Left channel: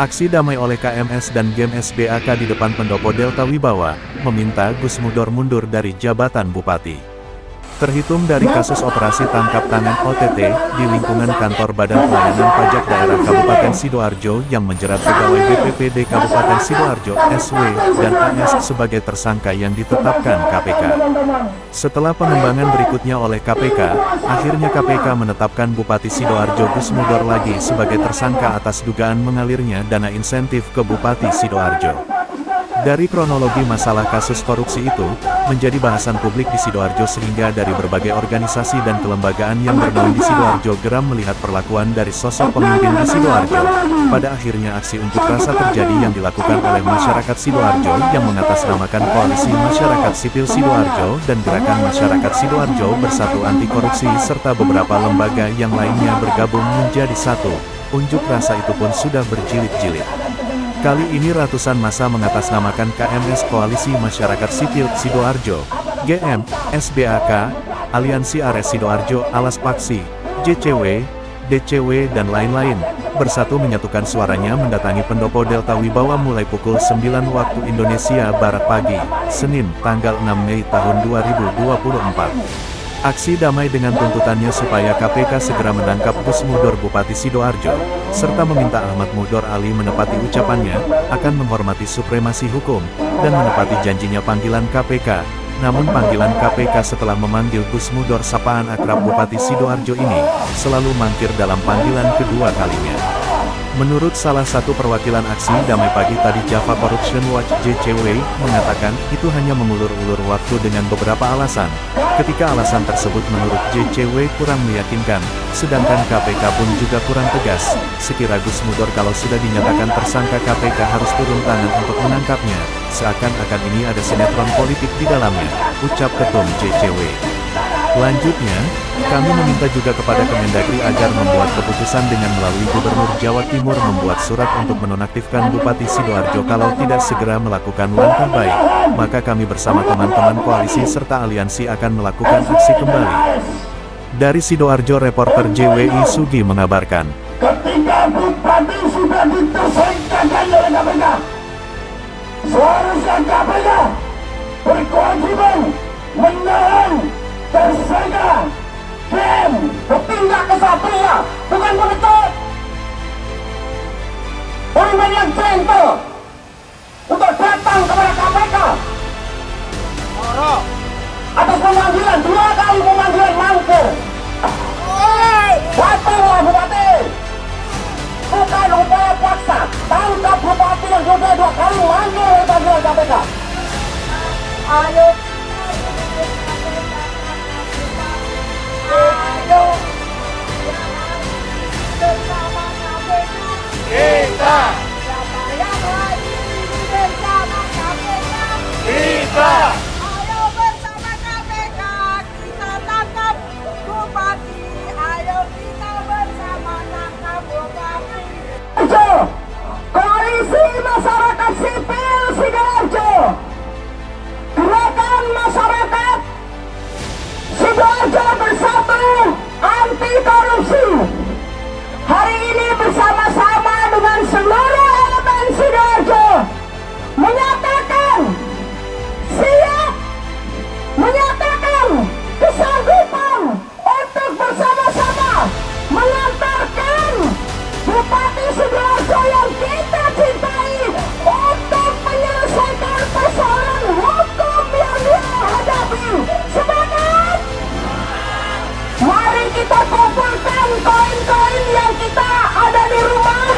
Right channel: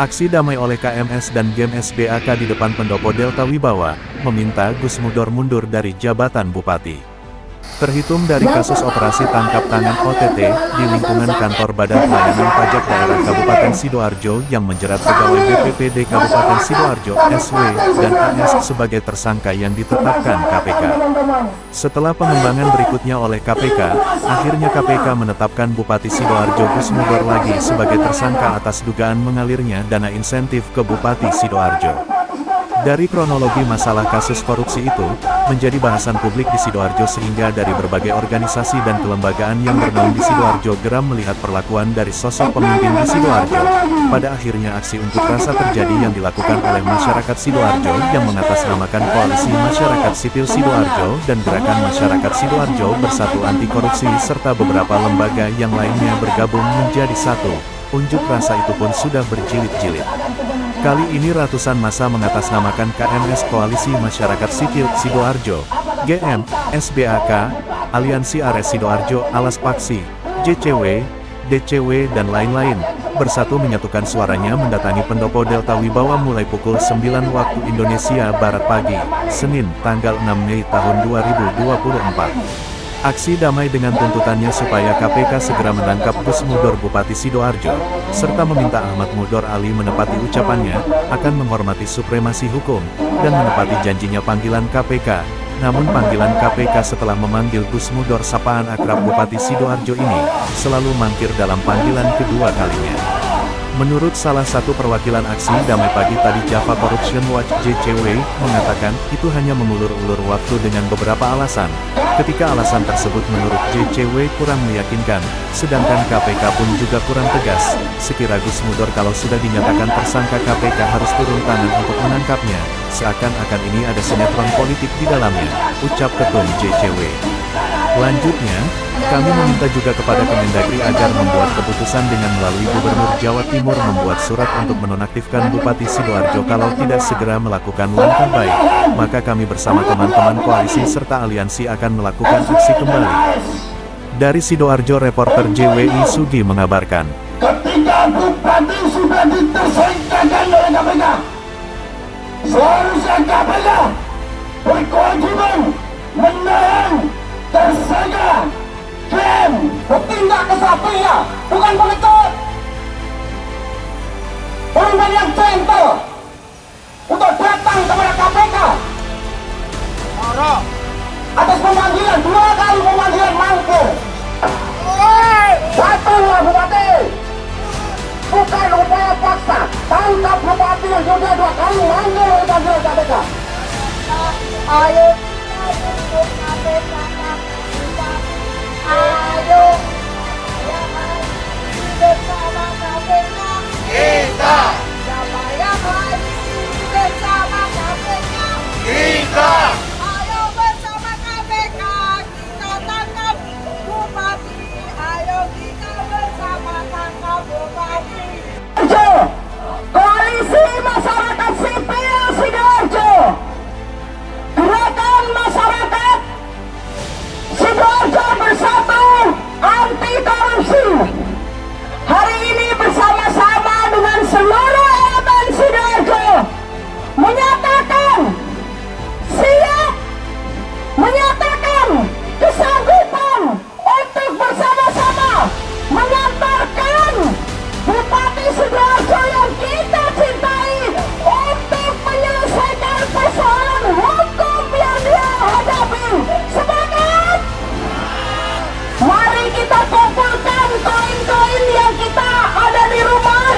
Aksi damai oleh KMS dan GEM SBAK di depan Pendopo Delta Wibawa, meminta Gus Mudor mundur dari jabatan Bupati. Terhitung dari kasus operasi tangkap tangan OTT, di lingkungan kantor Badan Pelayanan Pajak Daerah Kabupaten Sidoarjo yang menjerat pegawai BPPD Kabupaten Sidoarjo, SW, dan AS sebagai tersangka yang ditetapkan KPK. Setelah pengembangan berikutnya oleh KPK, akhirnya KPK menetapkan Bupati Sidoarjo Gus Mudor lagi sebagai tersangka atas dugaan mengalirnya dana insentif ke Bupati Sidoarjo. Dari kronologi masalah kasus korupsi itu, menjadi bahasan publik di Sidoarjo sehingga dari berbagai organisasi dan kelembagaan yang bernaung di Sidoarjo geram melihat perlakuan dari sosok pemimpin di Sidoarjo. Pada akhirnya aksi unjuk rasa terjadi yang dilakukan oleh masyarakat Sidoarjo yang mengatasnamakan Koalisi Masyarakat Sipil Sidoarjo dan Gerakan Masyarakat Sidoarjo Bersatu Anti Korupsi serta beberapa lembaga yang lainnya bergabung menjadi satu. Unjuk rasa itu pun sudah berjilid-jilid. Kali ini ratusan massa mengatasnamakan KMS Koalisi Masyarakat Sipil Sidoarjo, GM, SBAK, Aliansi Ares Sidoarjo Alas Paksi, JCW, DCW dan lain-lain, bersatu menyatukan suaranya mendatangi Pendopo Delta Wibawa mulai pukul 9 waktu Indonesia Barat pagi, Senin, tanggal 6 Mei tahun 2024. Aksi damai dengan tuntutannya supaya KPK segera menangkap Gus Mudor Bupati Sidoarjo, serta meminta Ahmad Mudor Ali menepati ucapannya, akan menghormati supremasi hukum, dan menepati janjinya panggilan KPK. Namun panggilan KPK setelah memanggil Gus Mudor sapaan akrab Bupati Sidoarjo ini, selalu mangkir dalam panggilan kedua kalinya. Menurut salah satu perwakilan aksi damai pagi tadi Java Corruption Watch JCW, mengatakan, itu hanya mengulur-ulur waktu dengan beberapa alasan. Ketika alasan tersebut menurut JCW kurang meyakinkan, sedangkan KPK pun juga kurang tegas, sekira Gus Mudor kalau sudah dinyatakan tersangka KPK harus turun tangan untuk menangkapnya, seakan-akan ini ada sinetron politik di dalamnya, ucap Ketum JCW. Lanjutnya, kami meminta juga kepada Kemendagri agar membuat keputusan dengan melalui Gubernur Jawa Timur membuat surat untuk menonaktifkan Bupati Sidoarjo kalau tidak segera melakukan langkah baik, maka kami bersama teman-teman koalisi serta aliansi akan melakukan aksi kembali. Dari Sidoarjo, reporter JWI Sugi mengabarkan. Ketika Bupati sudah ditersangkakan oleh KPK, seharusnya KPK berkewajiban menahan tersangka dan bertindak kesatria, bukan mengecut. Pemimpin yang gentle untuk datang kepada KPK atas pemanggilan, 2 kali pemanggilan mangkir. Datanglah Bupati, bukan upaya paksa. Tangkap Bupati yang sudah 2 kali manggil oleh panggilan KPK. Ayo bersama KPK. Kita. Siapa yang hadir bersama KPK? Kita. Ayo bersama KPK kita tangkap Bupati. Ayo kita bersama tangkap Bupati. Koalisi Masyarakat Sipil Sidoarjo, Gerakan Masyarakat Sidoarjo Bersatu Anti Korupsi, hari ini bersama-sama dengan seluruh elemen Sidoarjo menyatakan siap, menyatakan kesanggupan untuk bersama-sama mengantarkan Bupati Sidoarjo yang kita cintai untuk menyelesaikan persoalan hukum yang dia hadapi. Semangat! Mari kita kumpulkan koin-koin yang kita ada di rumah.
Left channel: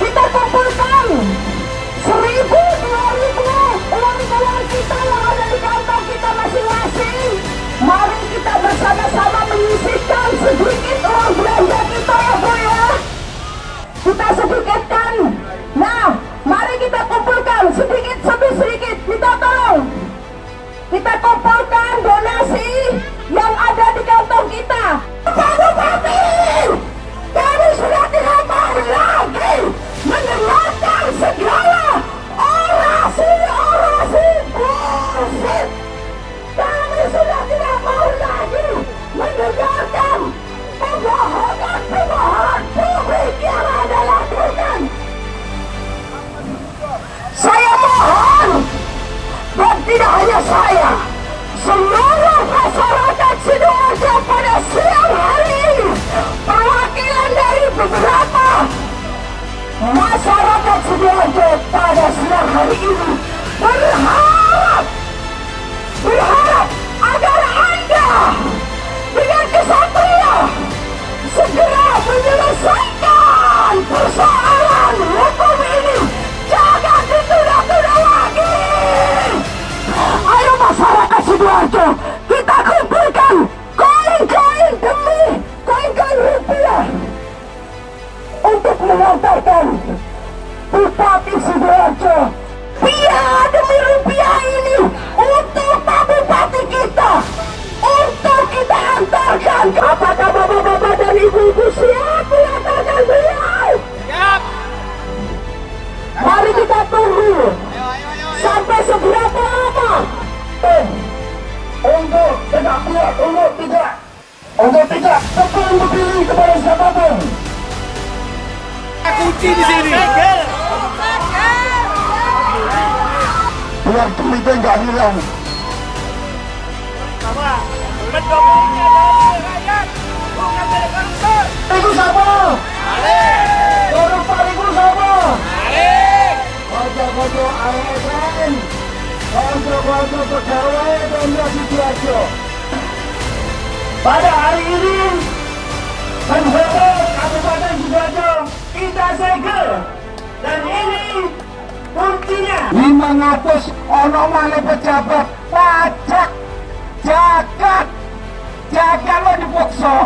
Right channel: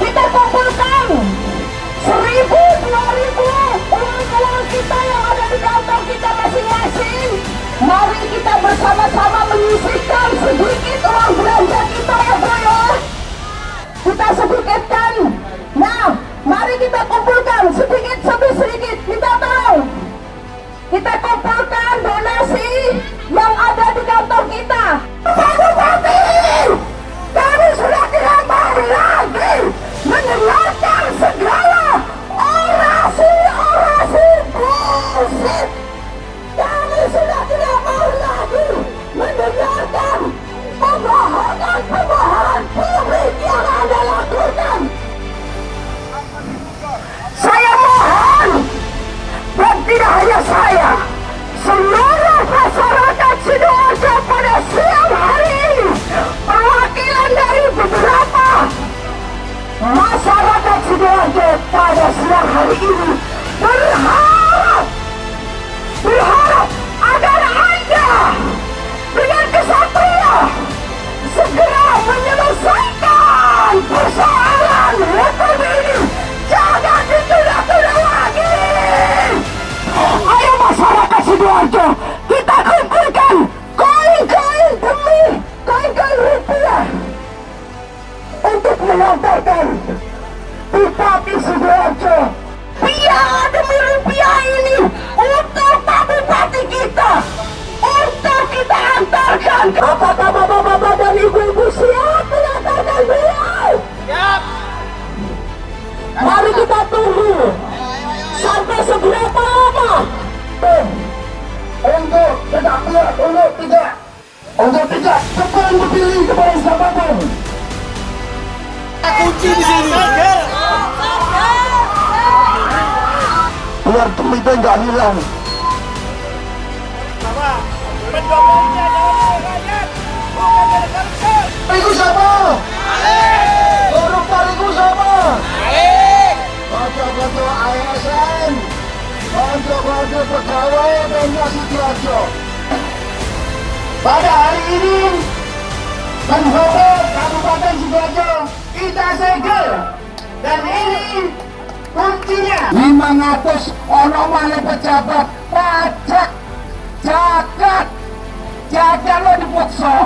Kita kumpulkan 1.000, 2.000 uang-uang kita yang ada di kantong kita masing-masing. Mari kita bersama-sama menyisihkan sedikit uang belanja kita ya Bu ya. Kita sedikitkan. Nah, mari kita kumpulkan sedikit demi sedikit. Kita tahu. Kita kumpulkan donasi yang ada di kantong kita. Pak Bupati, kami sudah tidak mau lagi mendengarkan segala orasi-orasi bullshit. Kami sudah tidak mau lagi mendengarkan pembohongan publik yang Anda lakukan. Sidoarjo pada siang hari ini berharap agar Anda dengan kesatria segera menyelesaikan persoalan hukum ini. Jangan ditunda-tunda lagi. Ayo masyarakat Sidoarjo, kita kumpulkan koin-koin demi koin-koin rupiah untuk mengantarkan Bupati Sidoarjo. Piala demi rupiah ini untuk Pak Bupati kita, untuk kita antarkan. Apakah bapak-bapak dan ibu-ibu siap mengantarkan beliau? Siap. Mari kita tunggu sampai seberapa lama. Untuk tidak kuat, untuk tidak tepat dipilih kepada siapapun. Kunci di sini. Biar pemimpin nggak hilang. Bapak, pendoponya dari rakyat, bukan dari kantor. Itu siapa? Itu siapa? Kocok-kocok ASN, kocok-kocok pegawai Pemda Sidoarjo. Pada hari ini, penfoto Kabupaten Sidoarjo kita segel, dan ini kuncinya 500 ono male pejabat pajak jagat lo dipaksa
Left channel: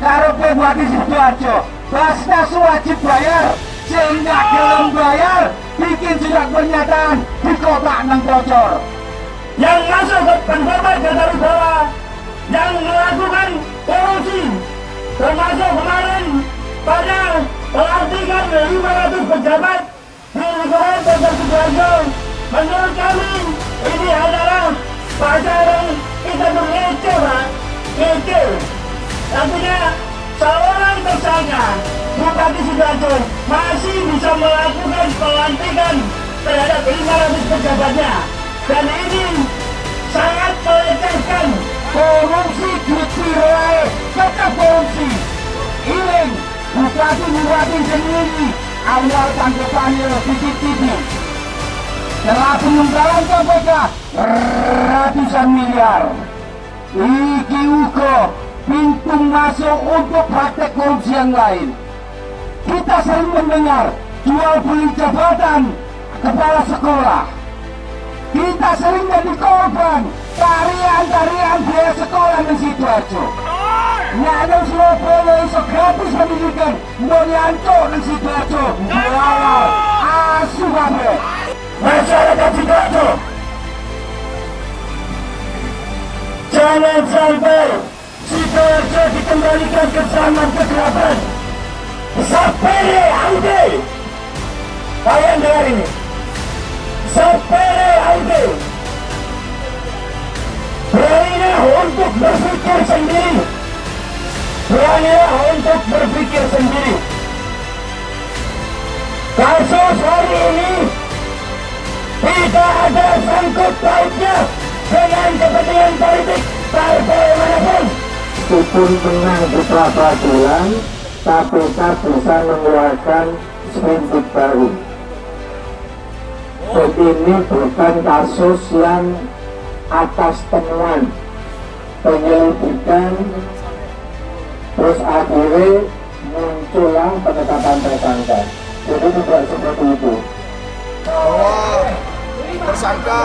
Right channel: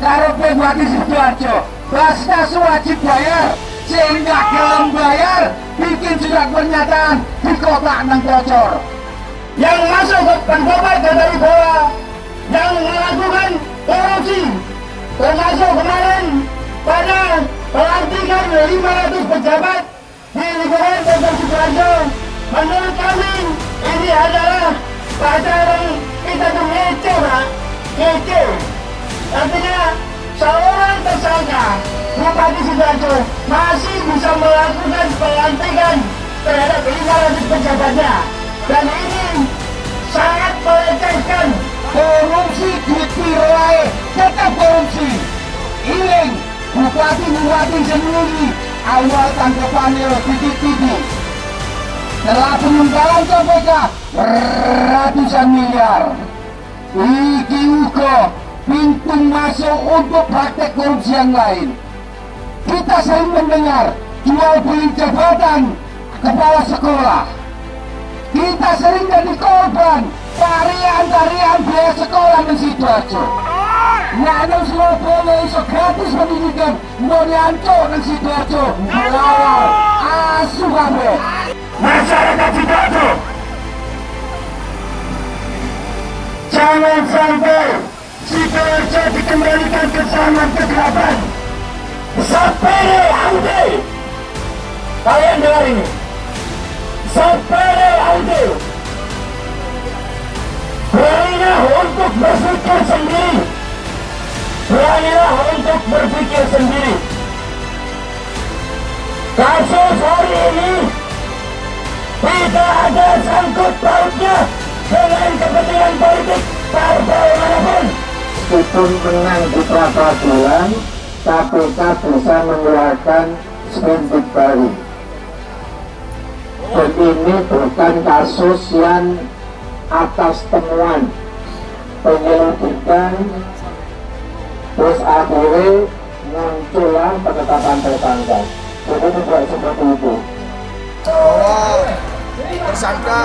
karo Bupati Sidoarjo. Basnya wajib bayar, sehingga gelem bayar bikin surat pernyataan di kotak nang bocor. Yang masuk ke penjabat dari bawah yang melakukan korupsi, termasuk kemarin pada pelantikan 500 pejabat di lingkungan Pemda Sidoarjo. Menurut kami ini adalah pacaran kita ngece, Pak. Ngece. Artinya seorang tersangka Bupati Sidoarjo masih bisa melakukan pelantikan terhadap 500 pejabatnya, dan ini sangat melecehkan. Korupsi ditirai, tetap korupsi. Iling bupati sendiri awal tanggapannya titik-titik. Setelah penunggalan KPK ratusan miliar. Iki uga pintu masuk untuk praktek korupsi yang lain. Kita sering mendengar jual beli jabatan kepala sekolah. Kita sering jadi korban tarian biaya sekolah di Sidoarjo. Nek nang Surabaya iso gratis pendidikan, mau nyancuk nang Sidoarjo melawar asu kabeh. Masyarakat Sidoarjo, jangan sampai Sidoarjo dikembalikan ke zaman kegelapan. Sapere aude, kalian dengar ini. Sapere aude, beranilah untuk berpikir sendiri. Beranilah untuk berpikir sendiri. Kasus hari ini tidak ada sangkut pautnya dengan kepentingan politik partai manapun. Meskipun menang di pra peradilan, KPK bisa mengeluarkan sprindik baru. Dan ini bukan kasus yang atas temuan penyelidikan terus akhirnya muncullah penetapan tersangka. Jadi tidak seperti itu. Bahwa tersangka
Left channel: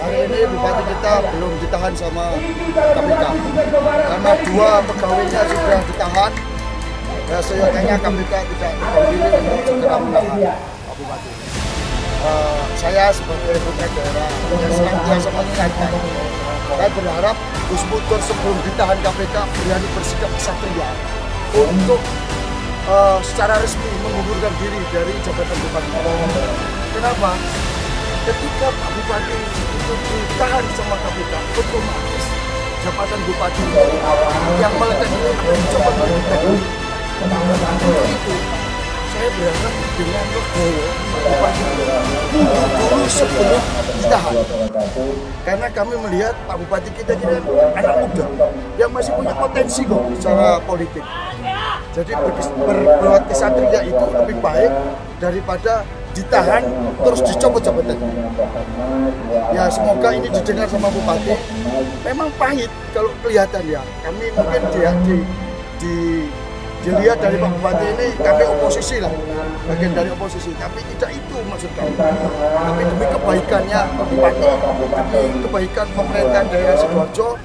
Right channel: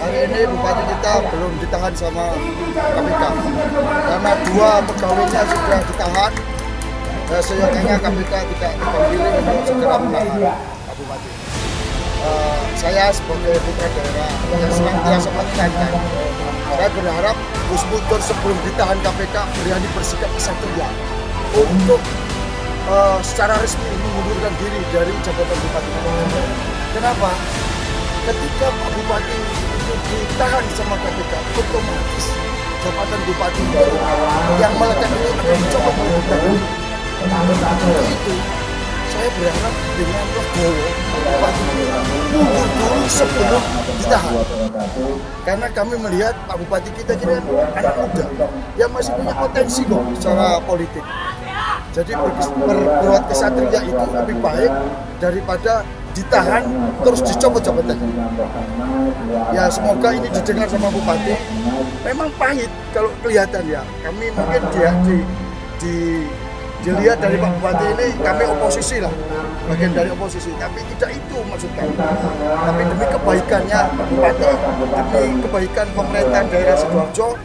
hari ini Bupati kita belum ditahan sama KPK karena 2 pegawainya sudah ditahan. Seyogyanya KPK tidak memilih untuk segera menahan Pak Bupati. Saya sebagai putra daerah yang senantiasa mengingatkan, saya berharap Gus Mudur sebelum ditahan KPK berani bersikap kesatria untuk secara resmi mengundurkan diri dari jabatan Bupati. Kenapa? Ketika Pak Bupati itu ditahan sama KPK, otomatis jabatan Bupati yang melekat ini akan dicoba meletakkan. Itu saya berharap dengan Legowo Bupati mundur dulu sebelum ditahan, karena kami melihat Pak Bupati kita jadi anak muda yang masih punya potensi kok secara politik. Jadi berbuat kesatria itu lebih baik daripada ditahan terus dicopot jabatannya. Ya semoga ini didengar sama Bupati. Memang pahit kalau kelihatan ya. Kami mungkin dilihat dari Pak Bupati ini kami oposisi lah, bagian dari oposisi. Tapi tidak itu maksud kami. Tapi demi kebaikannya Pak Bupati, demi kebaikan pemerintahan daerah Sidoarjo,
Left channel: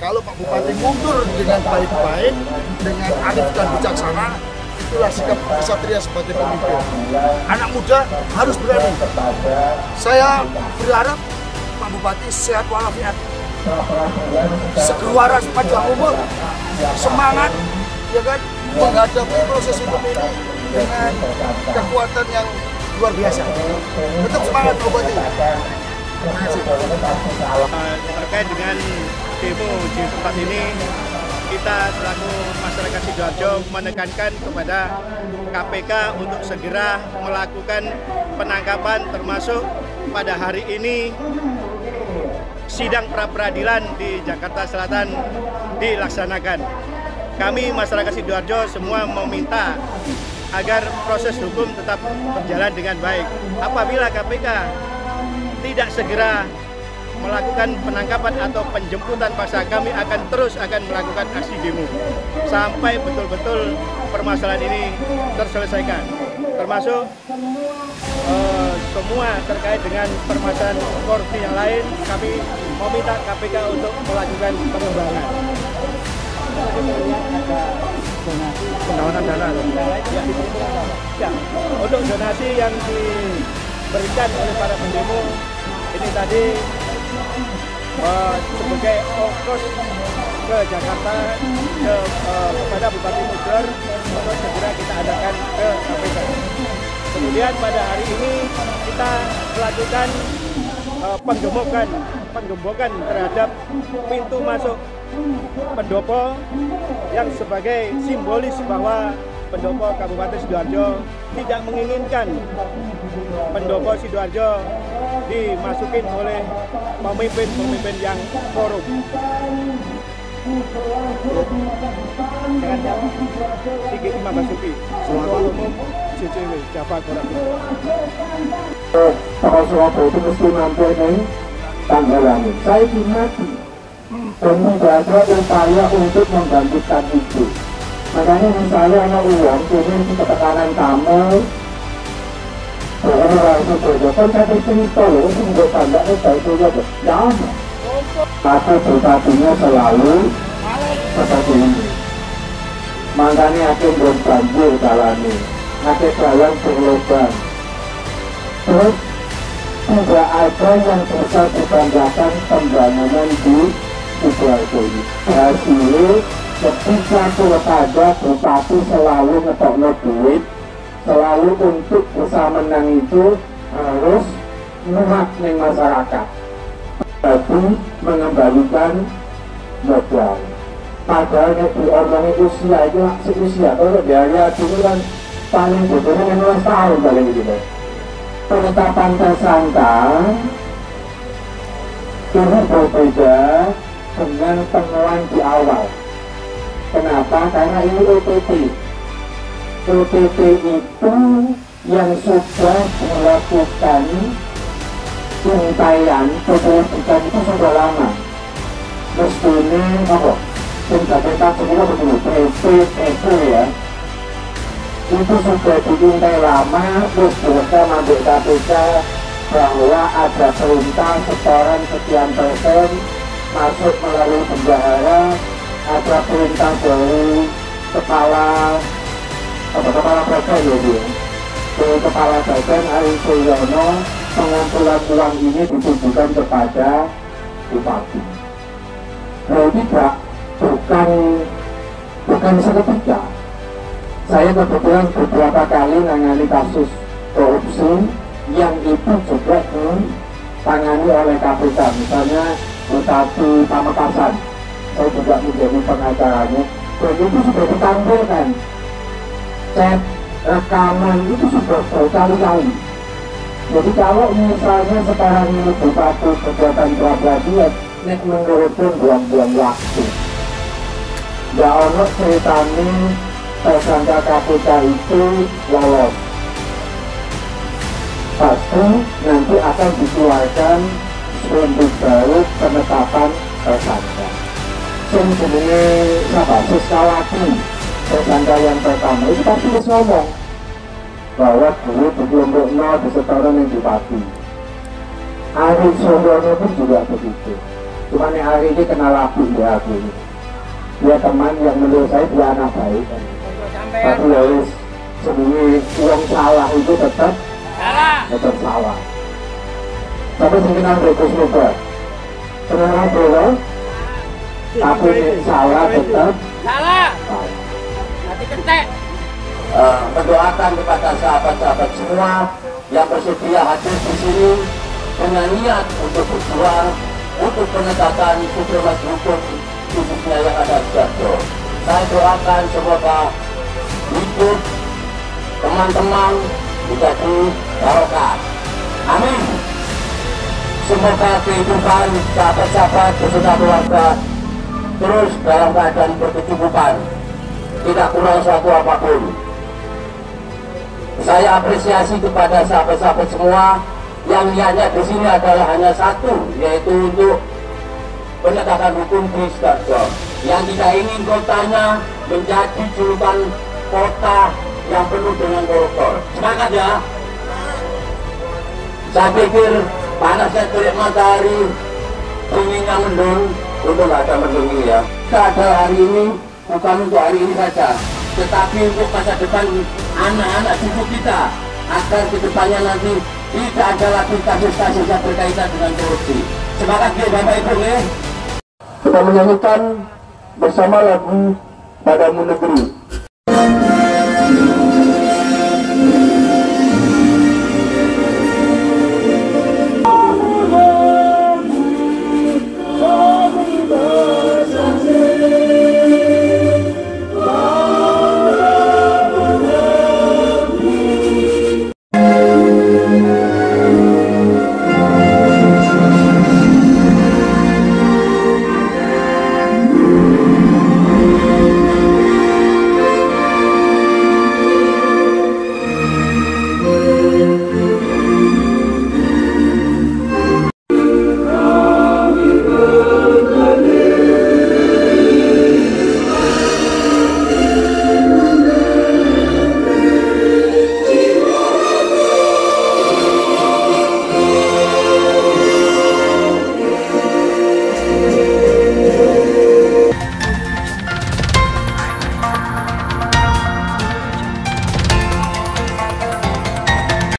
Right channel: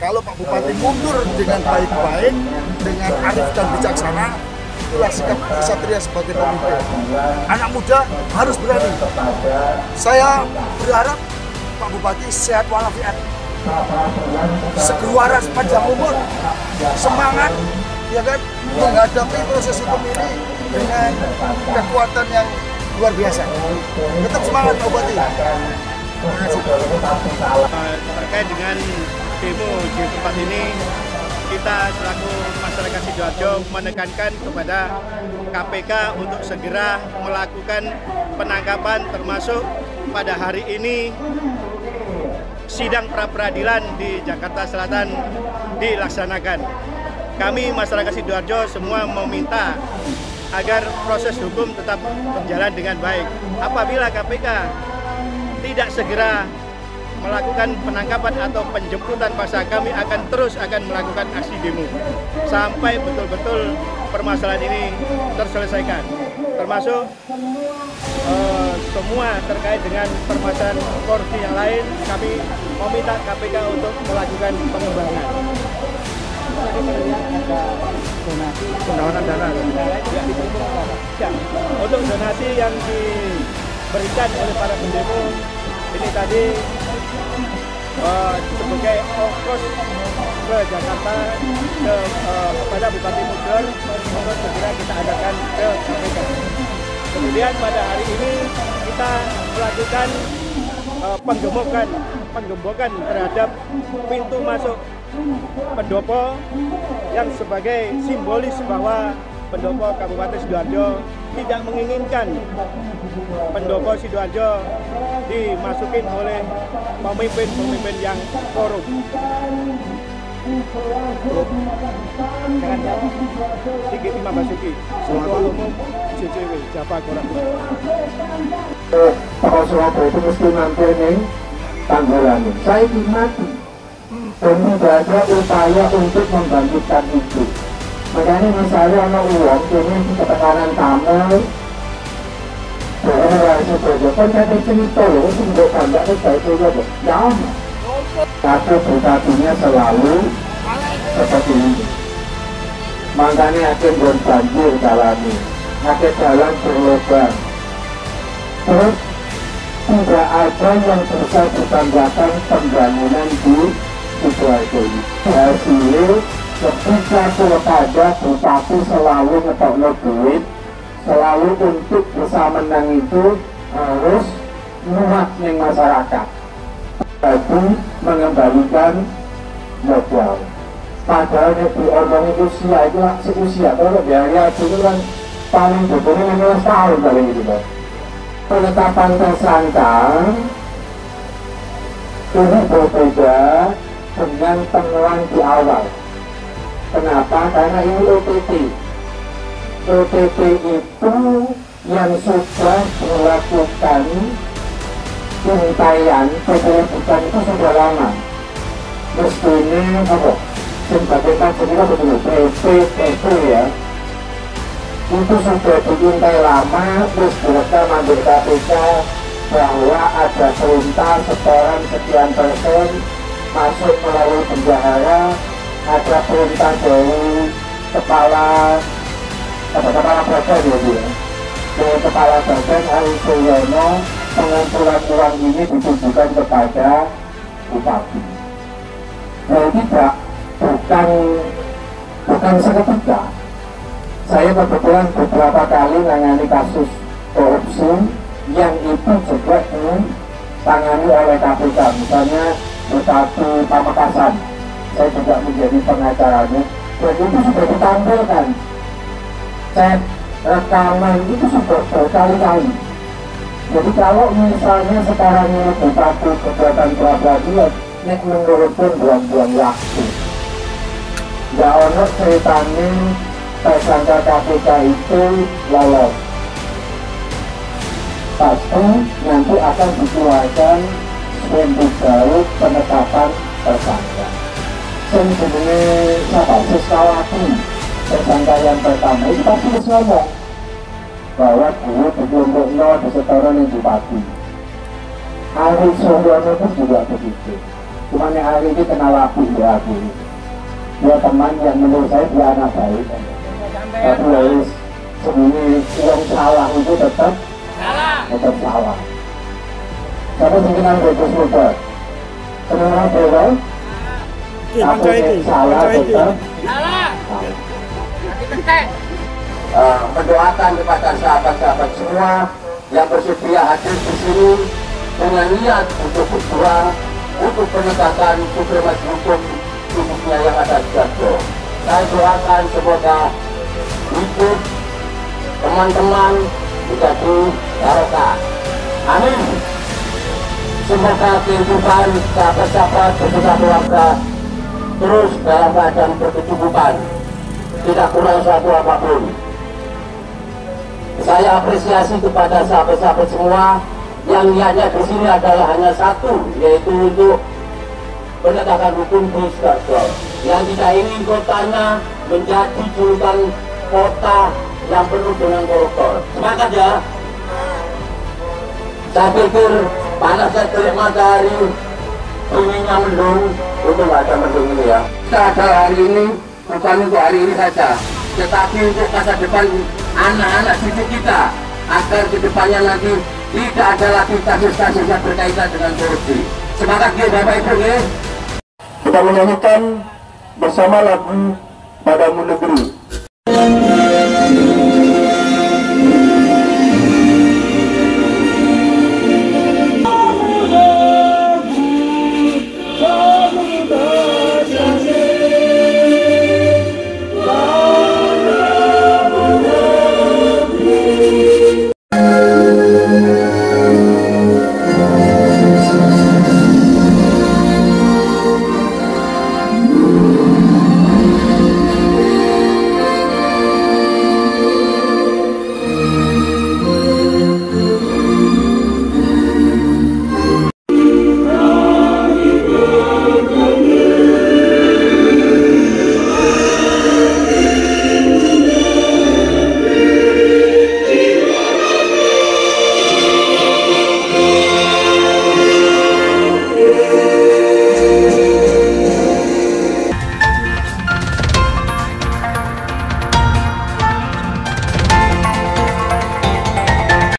kalau Pak Bupati mundur dengan baik-baik, dengan arif dan bijaksana, itulah sikap kesatria sebagai pemimpin. Anak muda harus berani. Saya berharap Pak Bupati sehat walafiat, sekeluaran panjang umur, semangat, ya kan, menghadapi proses hukum ini dengan kekuatan yang luar biasa. Tetap semangat Pak Bupati. Terkait dengan demo di tempat ini, kita selaku masyarakat Sidoarjo menekankan kepada KPK untuk segera melakukan penangkapan, termasuk pada hari ini sidang pra-peradilan di Jakarta Selatan dilaksanakan. Kami masyarakat Sidoarjo semua meminta agar proses hukum tetap berjalan dengan baik. Apabila KPK tidak segera melakukan penangkapan atau penjemputan paksa, kami akan melakukan aksi demo sampai betul-betul permasalahan ini terselesaikan, termasuk semua terkait dengan permasalahan korupsi yang lain. Kami meminta KPK untuk melakukan pengembangan. Pendawanan dana ya, untuk donasi yang diberikan oleh para pendemo ini tadi sebagai ongkos ke Jakarta kepada Bupati Bogor untuk segera kita adakan ke KPK. Kemudian pada hari ini kita melakukan penggembokan terhadap pintu masuk pendopo yang sebagai simbolis bahwa pendopo Kabupaten Sidoarjo tidak menginginkan pendopo Sidoarjo dimasukin oleh pemimpin-pemimpin yang korup. Sigit Imam Basuki, Ketua Umum JCW Java Korak. Para Surabaya itu mesti mampu nih tanggalan. Saya dimati dan tidak ada upaya untuk membangkitkan itu. Makanya misalnya anak uang, jadi itu tekanan tamu. Jadi rasa saja, kan saya cerita loh, itu tidak banyak saya itu saja. Jangan. Tapi Bupatinya selalu seperti ini. Makanya akan berbanjir jalannya, akan jalan berlubang. Terus tidak ada yang bisa dibanggakan pembangunan di Sidoarjo ini. Hasilnya ketika pilkada Bupati selalu ngetokno duit, selalu untuk bisa menang itu harus muat ning masyarakat. Tapi mengembalikan modal. Padahal di orang usia itu seusia, kalau biaya dulu kan paling betulnya 16 tahun paling gitu. Penetapan tersangka ini berbeda dengan penemuan di awal. Kenapa? Karena ini OTT. OTT itu yang sudah melakukan pengintaian penyelidikan itu sudah lama. Mestinya apa? Sebagai pasalnya begini, PPPP ya. Itu sudah diintai lama, terus direkam ambil KPK bahwa ada perintah setoran sekian persen masuk melalui bendahara, ada perintah dari kepala badan ya dia. Dari kepala badan Ari Suyono, pengumpulan uang ini ditujukan kepada Bupati. Nah, tidak, bukan seketika. Saya kebetulan beberapa kali menangani kasus korupsi yang itu juga ditangani oleh KPK. Misalnya Bupati Pamekasan, saya juga menjadi pengacaranya, dan itu sudah ditampilkan. Chat rekaman itu sudah berkali-kali. Jadi kalau misalnya sekarang ini Bupati kegiatan pra-peradilan, nek menurutkan bulan-bulan waktu. Nggak ada ceritanya tersangka KPK itu lolos. pasti nanti akan dikeluarkan sprendik baru penetapan tersangka. Yang sebenarnya apa? Sesalaki tersangka yang pertama itu pasti harus ngomong bahwa dulu di kelompok 0 disetara ning Bupati. Ari Suryono pun juga begitu. Cuman yang hari ini kenal aku ya aku. Dia teman yang menurut saya dia anak baik. Tapi ya wis sebenarnya uang salah itu tetap salah. Tapi sing kenal Gus Mubar. Kenal boleh. Tapi yang salah tetap salah. Mendoakan kepada sahabat-sahabat semua yang bersedia hadir di sini dengan niat untuk berjuang untuk penegakan supremasi hukum khususnya yang ada di Garut. Saya doakan semoga hidup teman-teman menjadi barokah. Amin. Semoga kehidupan sahabat-sahabat beserta keluarga terus dalam keadaan berkecukupan, tidak kurang satu apapun. Saya apresiasi kepada sahabat-sahabat semua yang niatnya di sini adalah hanya satu, yaitu untuk penegakan hukum di Sidoarjo. Yang tidak ingin kotanya menjadi julukan kota yang penuh dengan koruptor. Semangat ya! Saya pikir panasnya terik matahari, dinginnya mendung, untuk ada mendung ini ya. Kita ada hari ini bukan untuk hari ini saja, tetapi untuk masa depan anak-anak cucu kita, agar kedepannya nanti tidak ada lagi kasus-kasus yang berkaitan dengan korupsi. Semangat ya Bapak Ibu ya. Kita menyanyikan bersama lagu Padamu Negeri.